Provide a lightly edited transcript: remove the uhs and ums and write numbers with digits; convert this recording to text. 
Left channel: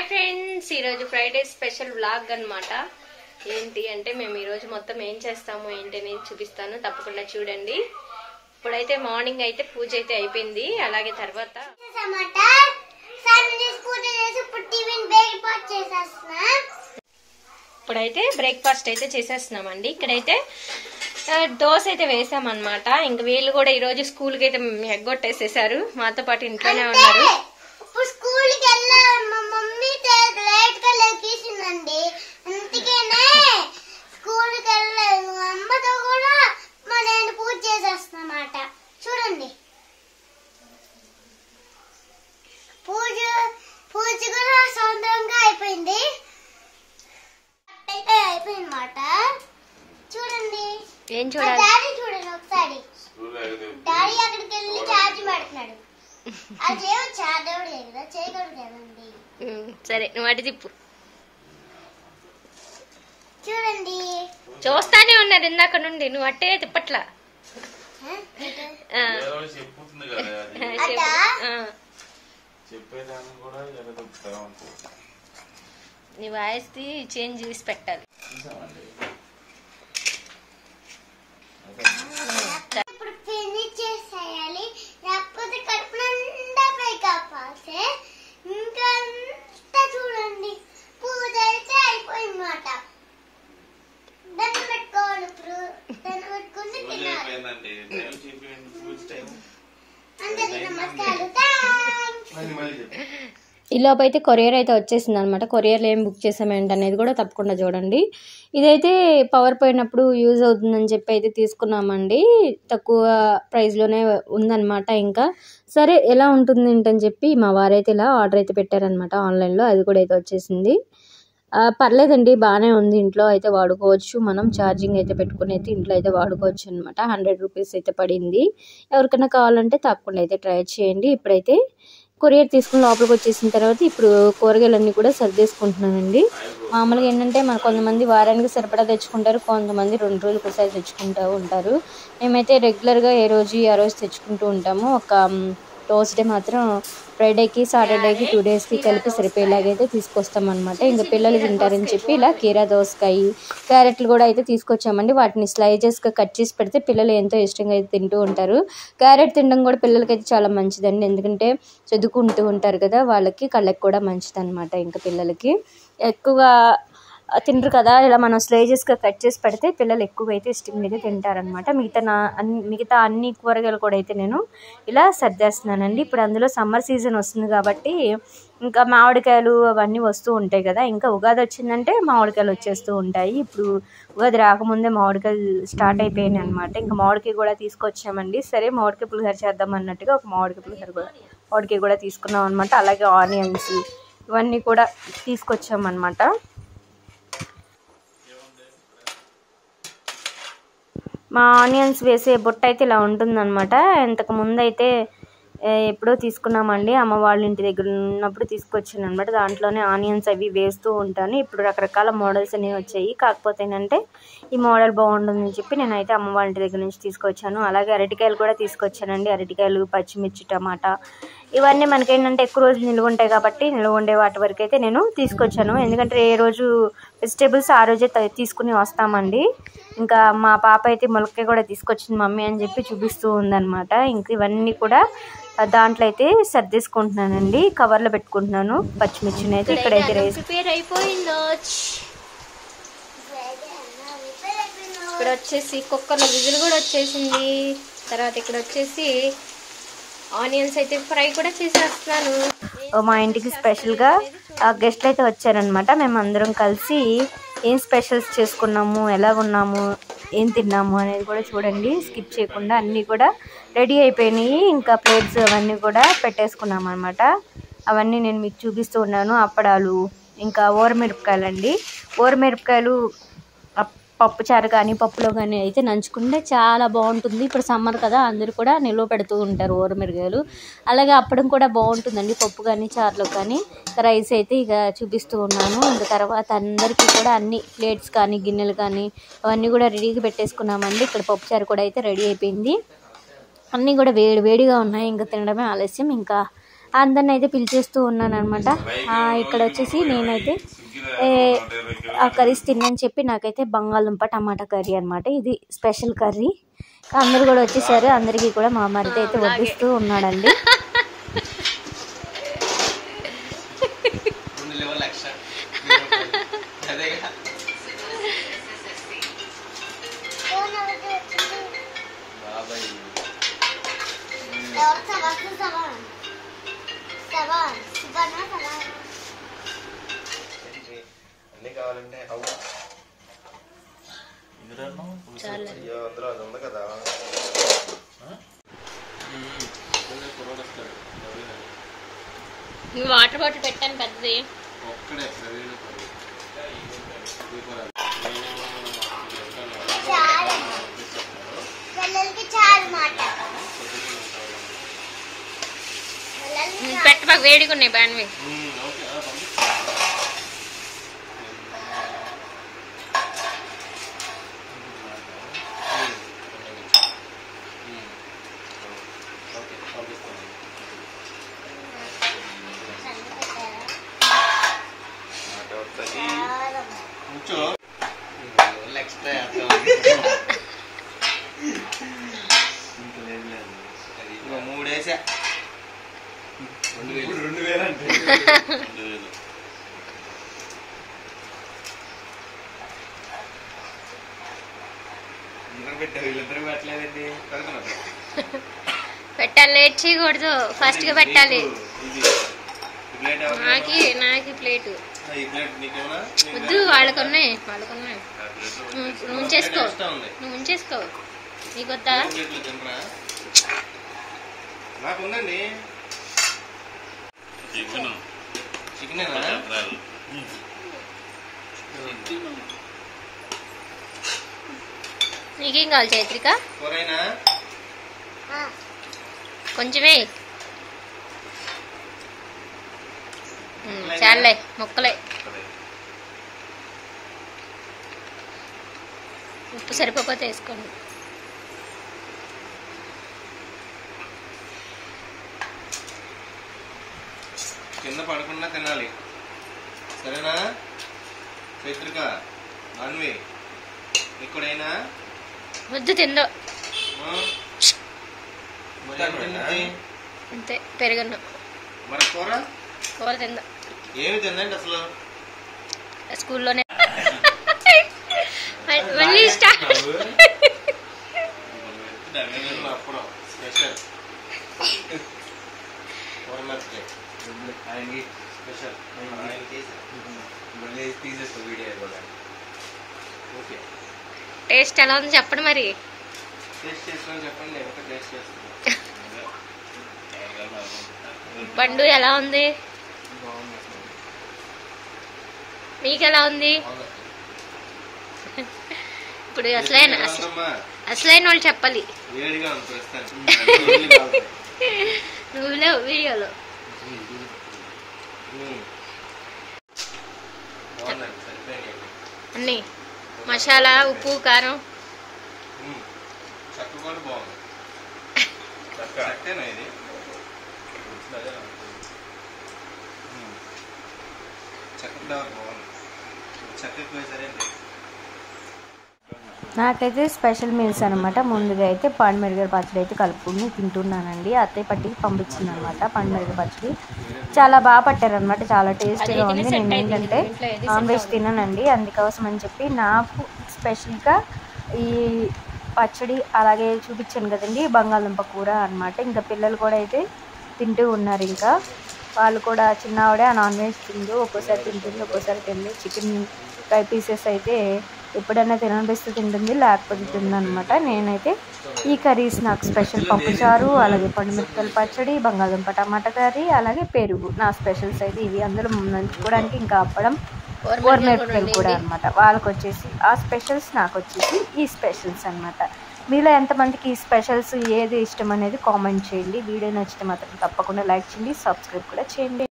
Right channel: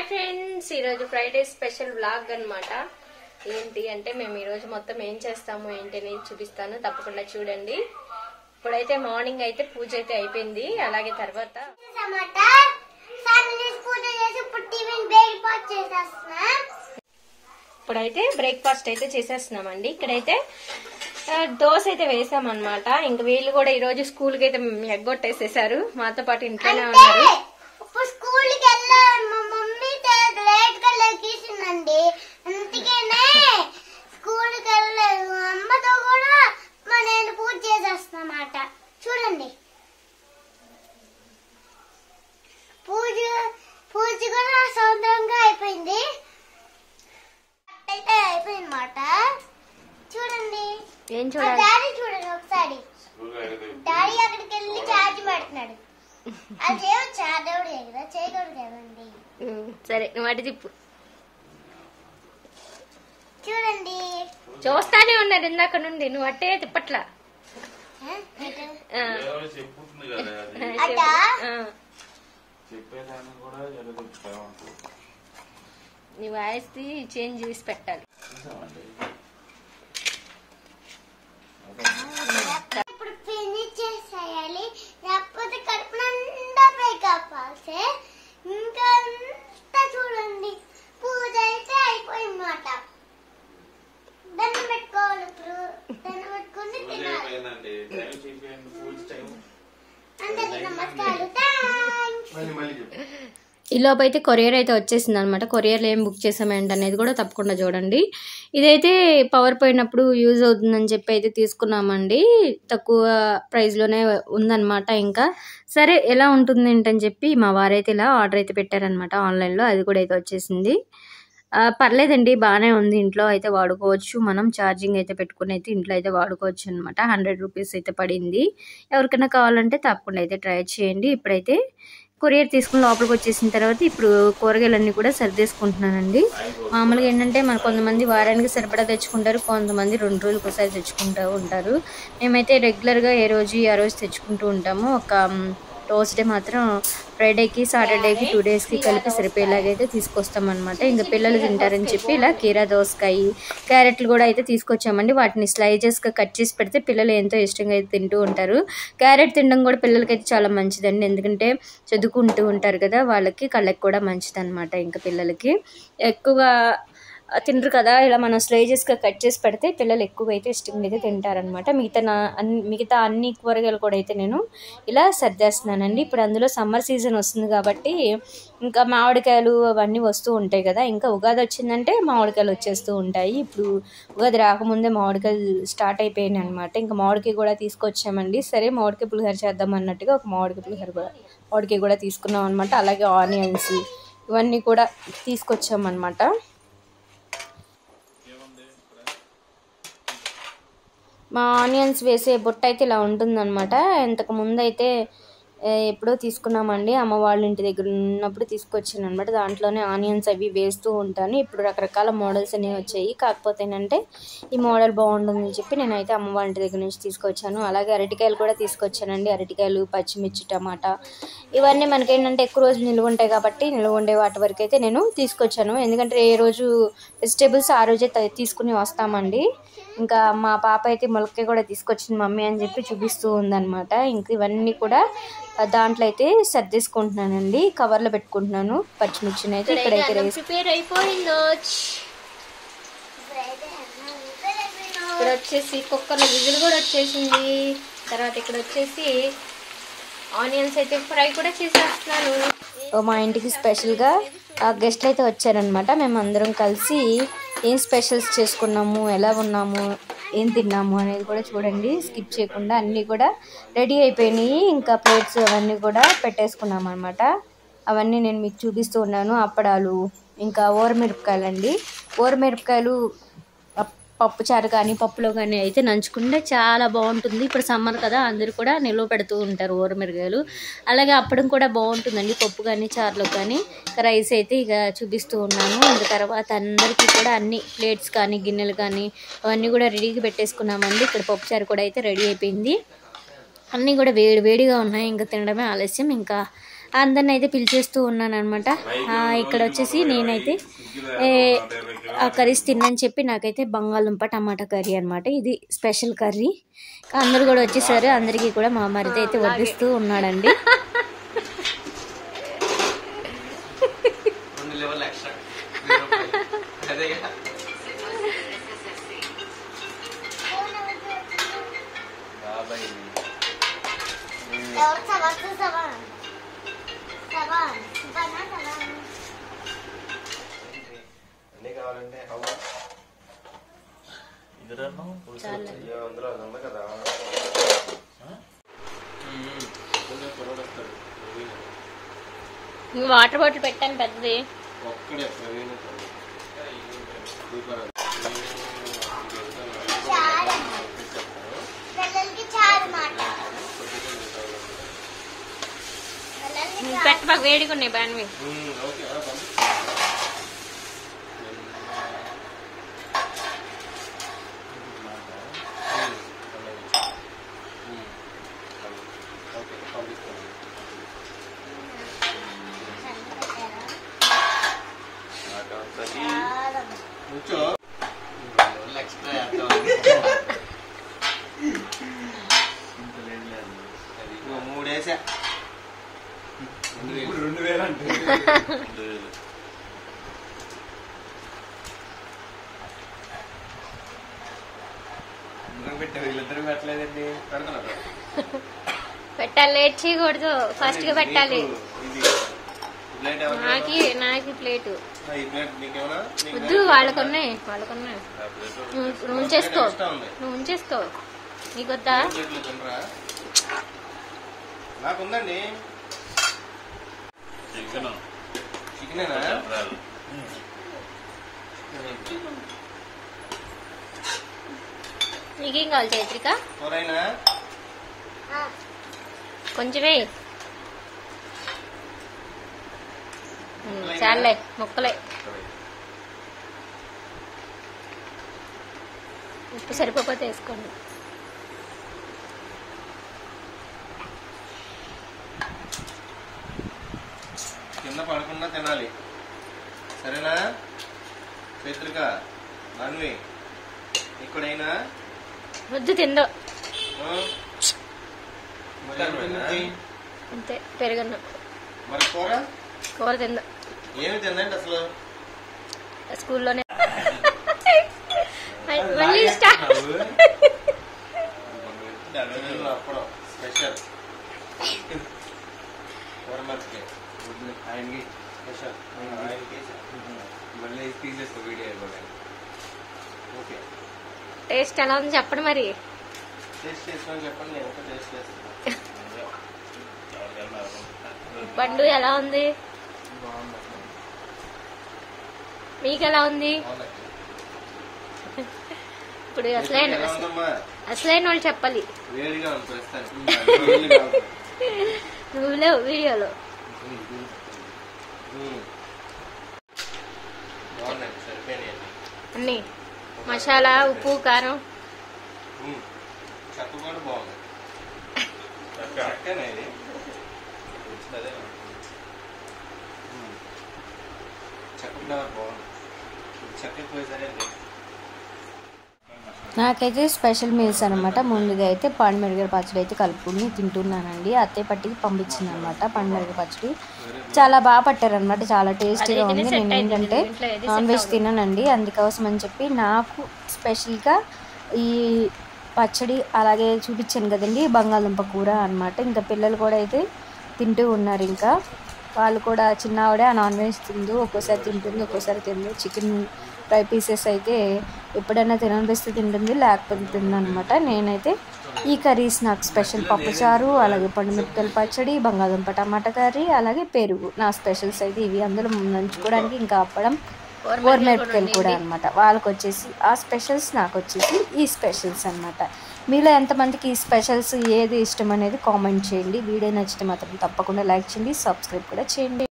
Hi friends, ఈరోజు Friday special vlog అన్నమాట. ఏంటి అంటే మేము ఈరోజు మొత్తం ఏం చేస్తాము ఏంటి అనేది చూపిస్తాను, తప్పకుండా చూడండి. ఇప్పుడైతే మార్నింగ్ అయితే పూజ అయితే అయిపోయింది. అలాగే తర్వాత ఇప్పుడైతే బ్రేక్ఫాస్ట్ అయితే చేసేస్తున్నామండి. ఇక్కడైతే దోశ అయితే వేసామన్నమాట. ఇంక వీళ్ళు కూడా ఈరోజు స్కూల్కి అయితే ఎగ్గొట్టేసేసారు, మాతో పాటు ఇంట్లోనే ఉన్నారు. స్కూల్కి వెళ్ళాలి మా మమ్మీ లేట్ గా లేచిందండి, అందుకనే స్కూల్కి వెళ్ళలేదు. అమ్మతో కూడా నేను పూజ చేసేస్తున్నమాట. చూడండి, పూజ కూడా సొంతంగా అయిపోయింది, అయితే అయిపోయింది అన్నమాట. చూడండి, ఏం చూడాలి, డాడీ చూడండి ఒకసారి. డాడీ అక్కడికి వెళ్ళి ఛార్జ్ పెడుతున్నాడు. అది చేయవచ్చా? దేవుడు కదా, చేయకూడదు కదండి. సరే నువ్వు అటు తిప్పు. చూడండి, చూస్తానే ఉన్నారు ఇందాక నుండి, నువ్వు అట్టే తిప్పట్లా. నీ వాయిస్ చేంజ్ చేసి పెట్టాలి. ఇప్పుడు ఫినిష్ చేసేయాలి, లేకపోతే కడుపు నిండా కాపాల్సి. ఇంకా అంతా చూడండి, పూజ అయితే అయిపోయిందన్నమాట. దండం పెట్టుకోవాలి. ఇప్పుడు దండం పెట్టుకుని తినాలి. అందరికి నమస్కారాలు. ఈ లోపు అయితే కొరియర్ అయితే వచ్చేసింది అనమాట. కొరియర్లో ఏం బుక్ చేసామేంటి అనేది కూడా తప్పకుండా చూడండి. ఇదైతే పవర్ పోయినప్పుడు యూజ్ అవుతుందని చెప్పి అయితే తీసుకున్నామండి. తక్కువ ప్రైస్లోనే ఉందన్నమాట. ఇంకా సరే ఎలా ఉంటుంది ఏంటని చెప్పి మా వారైతే ఇలా ఆర్డర్ అయితే పెట్టారనమాట ఆన్లైన్లో. అది కూడా అయితే వచ్చేసింది. పర్లేదండి, బాగానే ఉంది. ఇంట్లో అయితే వాడుకోవచ్చు, మనం ఛార్జింగ్ అయితే పెట్టుకుని అయితే ఇంట్లో అయితే వాడుకోవచ్చు అనమాట. 100 రూపీస్ అయితే పడింది. ఎవరికైనా కావాలంటే తప్పకుండా అయితే ట్రై చేయండి. ఇప్పుడైతే కొరియర్ తీసుకుని లోపలికి వచ్చేసిన తర్వాత ఇప్పుడు కూరగాయలన్నీ కూడా సర్దేసుకుంటున్నానండి. మామూలుగా ఏంటంటే మన కొంతమంది వారానికి సరిపడా తెచ్చుకుంటారు, కొంతమంది 2 రోజులకు ఒకసారి తెచ్చుకుంటూ ఉంటారు. మేమైతే రెగ్యులర్గా ఏ రోజు ఆ రోజు తెచ్చుకుంటూ ఉంటాము. ఒక రోస్టే మాత్రం ఫ్రైడేకి సాటర్డేకి 2 డేస్కి సరిపోయేలాగైతే తీసుకొస్తాం అనమాట. ఇంకా పిల్లలు తింటారని చెప్పి ఇలా కీరా దోసకాయ క్యారెట్లు కూడా అయితే తీసుకొచ్చామండి. వాటిని స్లైజెస్గా కట్ చేసి పెడితే పిల్లలు ఎంతో ఇష్టంగా అయితే తింటూ ఉంటారు. క్యారెట్ తినడం కూడా పిల్లలకి అయితే చాలా మంచిదండి, ఎందుకంటే చదువుకుంటూ ఉంటారు కదా, వాళ్ళకి కళ్ళకి కూడా మంచిది అనమాట. ఇంకా పిల్లలకి ఎక్కువగా తినరు కదా, ఇలా మనం స్లైజెస్గా కట్ చేసి పెడితే పిల్లలు ఎక్కువగా అయితే ఇష్టంగా అయితే తింటారనమాట. మిగతా అన్ని కూరగాయలు కూడా అయితే నేను ఇలా సర్దేస్తున్నానండి. ఇప్పుడు అందులో సమ్మర్ సీజన్ వస్తుంది కాబట్టి ఇంకా మామిడికాయలు అవన్నీ వస్తూ ఉంటాయి కదా. ఇంకా ఉగాది వచ్చిందంటే మామిడికాయలు వచ్చేస్తూ ఉంటాయి. ఇప్పుడు ఉగాది రాకముందే మామిడికాయలు స్టార్ట్ అయిపోయాయి అనమాట. ఇంకా మామిడికాయ కూడా తీసుకొచ్చామండి. సరే మామిడికాయ పులిహోర చేద్దాం అన్నట్టుగా ఒక మామిడికాయ కూడా తీసుకున్నాం అనమాట. అలాగే ఆనియన్స్ ఇవన్నీ కూడా తీసుకొచ్చామన్నమాట. మా ఆనియన్స్ వేసే బుట్ట అయితే ఇలా ఉంటుందన్నమాట. ఇంతకు ముందు అయితే ఎప్పుడో తీసుకున్నామండి, అమ్మ వాళ్ళ ఇంటి దగ్గర ఉన్నప్పుడు తీసుకొచ్చాను అనమాట. దాంట్లోనే ఆనియన్స్ అవి వేస్తూ ఉంటాను. ఇప్పుడు రకరకాల మోడల్స్ అనేవి వచ్చాయి, కాకపోతే ఏంటంటే ఈ మోడల్ బాగుంటుందని చెప్పి నేనైతే అమ్మ వాళ్ళ ఇంటి దగ్గర నుంచి తీసుకొచ్చాను. అలాగే అరటికాయలు కూడా తీసుకొచ్చానండి. అరటికాయలు, పచ్చిమిర్చి, టమాటా ఇవన్నీ మనకేంటంటే ఎక్కువ రోజులు నిల్వ ఉంటాయి కాబట్టి నిల్వ ఉండే వాటి వరకు అయితే నేను తీసుకొచ్చాను. ఎందుకంటే ఏ రోజు వెజిటేబుల్స్ ఆ రోజే తీసుకుని వస్తామండి. ఇంకా మా పాప అయితే మొలక్కాయ కూడా తీసుకొచ్చింది మమ్మీ అని చెప్పి చూపిస్తూ ఉందన్నమాట. ఇంక ఇవన్నీ కూడా దాంట్లో అయితే సర్దేసుకుంటున్నానండి, కవర్లో పెట్టుకుంటున్నాను. పచ్చిమిర్చిని అయితే ప్రిపేర్ అయిపోయిందో. ఇక్కడ వచ్చేసి కుక్కర్లో విజిల్ కూడా వచ్చేసింది. తర్వాత ఇక్కడ వచ్చేసి ఆనియన్స్ అయితే ఫ్రై కూడా చేసేస్తున్నాను. మా ఇంటికి స్పెషల్గా గెస్ట్లు అయితే వచ్చారనమాట. మేము అందరం కలిసి ఏం స్పెషల్స్ చేసుకున్నాము, ఎలా ఉన్నాము, ఏం తిన్నాము అనేది కూడా చూడండి, స్కిప్ చేయకుండా. అన్నీ కూడా రెడీ అయిపోయినాయి. ఇంకా ప్లేట్స్ అవన్నీ కూడా పెట్టేసుకున్నాం అనమాట. అవన్నీ నేను మీకు చూపిస్తూ ఉన్నాను. అప్పడాలు, ఇంకా ఊరమిరపకాయలు అండి. ఊరమిరపకాయలు పప్పుచారు కానీ పప్పులో కానీ అయితే నంచుకుంటే చాలా బాగుంటుంది. ఇప్పుడు సమ్మర్ కదా, అందరూ కూడా నిల్వ పెడుతూ ఉంటారు ఊరమిరపకాయలు. అలాగే అప్పడం కూడా బాగుంటుందండి, పప్పు కానీ చారులో కానీ. రైస్ అయితే ఇక చూపిస్తూ ఉన్నాను. తర్వాత అందరికీ కూడా అన్ని ప్లేట్స్ కానీ గిన్నెలు కానీ అవన్నీ కూడా రెడీగా పెట్టేసుకున్నామండి. ఇక్కడ పప్పుచారు కూడా అయితే రెడీ అయిపోయింది. అన్నీ కూడా వేడిగా ఉన్నాయి, ఇంకా తినడమే ఆలస్యం. ఇంకా అందరిని అయితే పిలిచేస్తూ ఉన్నాను అనమాట. ఇక్కడ వచ్చేసి నేనైతే ఆ కర్రీస్ తినని చెప్పి నాకైతే బంగాళదుంప టమాటా కర్రీ అనమాట. ఇది స్పెషల్ కర్రీ. అందరు కూడా వచ్చేసారు. అందరికీ కూడా మా మరిది అయితే లాగేస్తూ ఉన్నాడండి. అన్ని కావాలంటే అందులో అది ఉంది కదా. వాటర్ బాటిల్ పెట్టాను పెద్దది. ఒక్కడే ప్రవీణ పెట్టబాకు వేడిగా ఉన్నాయి బాన్వి. ఎక్స్ట్రా 3 వేసా. 2000 అంటే 2000. వీళ్ళిద్దరు పెట్టలేదండి. పెట్టాలి, లేట్ చేయకూడదు, ఫస్ట్ గా పెట్టాలి. నాకు ప్లేటు వద్దు, వాళ్ళకున్నాయి. నువ్వు ఉంచేసుకో. నీకు వద్దా? నాకుందండి చికెనేనా? నీకేం కావాలి చైత్రిక? కూరైనా కొంచెమే చాలే, ముక్కలే. ఉప్పు సరిపోతే వేసుకోండి. కింద పడకుండా తినాలి, సరేనా చైత్రిక? మాన్వి ఇక్కడైనా వద్దు, తిందో అంతే. పెరుగన్న మరి కూర తిందో. ఏమి తిందండి అసలు? స్కూల్లోనే మళ్ళీ స్టార్ట్. అప్పుడు స్పెషల్ కూరమర్చి ఆయనకి స్పెషల్ మళ్ళీ తీసేస్తా వీడియో అయిపోయి. ఓకే, టేస్ట్ ఎలా ఉంది చెప్పండి. మరి టేస్ట్ చేసుకొని చెప్పండి, నేను ఒక టేస్ట్ చేస్తాను. పండు ఎలా ఉంది? మీకు ఎలా ఉంది? ఇప్పుడు అసలైన వాళ్ళు చెప్పాలి. వేడిగా నువ్వు లేవు వీడియోలో. అన్ని మసాలా, ఉప్పు, కారం, చక్క కూడా బాగుంది. చక్కనా ఇది? చక్క ఫ్లేవర్ బాగుంది. చక్కకి పోయేసరేంటి? నాకైతే స్పెషల్ మీల్స్ అనమాట. ముందుగా అయితే పండుమిరపకాయ పచ్చడి అయితే కలుపుకొని తింటున్నానండి. అత్తయ్య పట్టికి పంపించింది అనమాట పండుమిరపకాయ పచ్చడి. చాలా బాగా పట్టారనమాట, చాలా టేస్ట్. నాన్ వెజ్ తిన్నానండి, అందుకోసం అని చెప్పి నాకు స్పెషల్గా ఈ పచ్చడి అలాగే చూపించాను కదండి, బంగాళదుంప కూర అనమాట. ఇంకా పిల్లలు కూడా అయితే తింటూ ఉన్నారు. ఇంకా వాళ్ళు కూడా చిన్నవాడే నాన్ వెజ్ తింటూ ఒక్కోసారి తింటుంది, ఒక్కోసారి తింటుంది. చికెన్ ఫ్రై పీసెస్ అయితే ఎప్పుడైనా తినాలనిపిస్తే తింటుంది, లేకపోతే తిందనమాట. నేనైతే ఈ కర్రీస్ నాకు స్పెషల్ పప్పుచారు, అలాగే పండుమిరపకాయల పచ్చడి, బంగాళదుంప టమాటా కర్రీ, అలాగే పెరుగు నా స్పెషల్స్ అయితే ఇవి. అందులో ముందంచుకోవడానికి ఇంకా అప్పడం అనమాట. వాళ్ళకి వచ్చేసి ఆ స్పెషల్స్, నాకు వచ్చేసి ఈ స్పెషల్స్ అనమాట. మీలో ఎంతమందికి ఈ స్పెషల్స్ ఏది ఇష్టం అనేది కామెంట్ చేయండి. వీడియో నచ్చితే మాత్రం తప్పకుండా లైక్ చేయండి, సబ్స్క్రైబ్ కూడా చేయండి.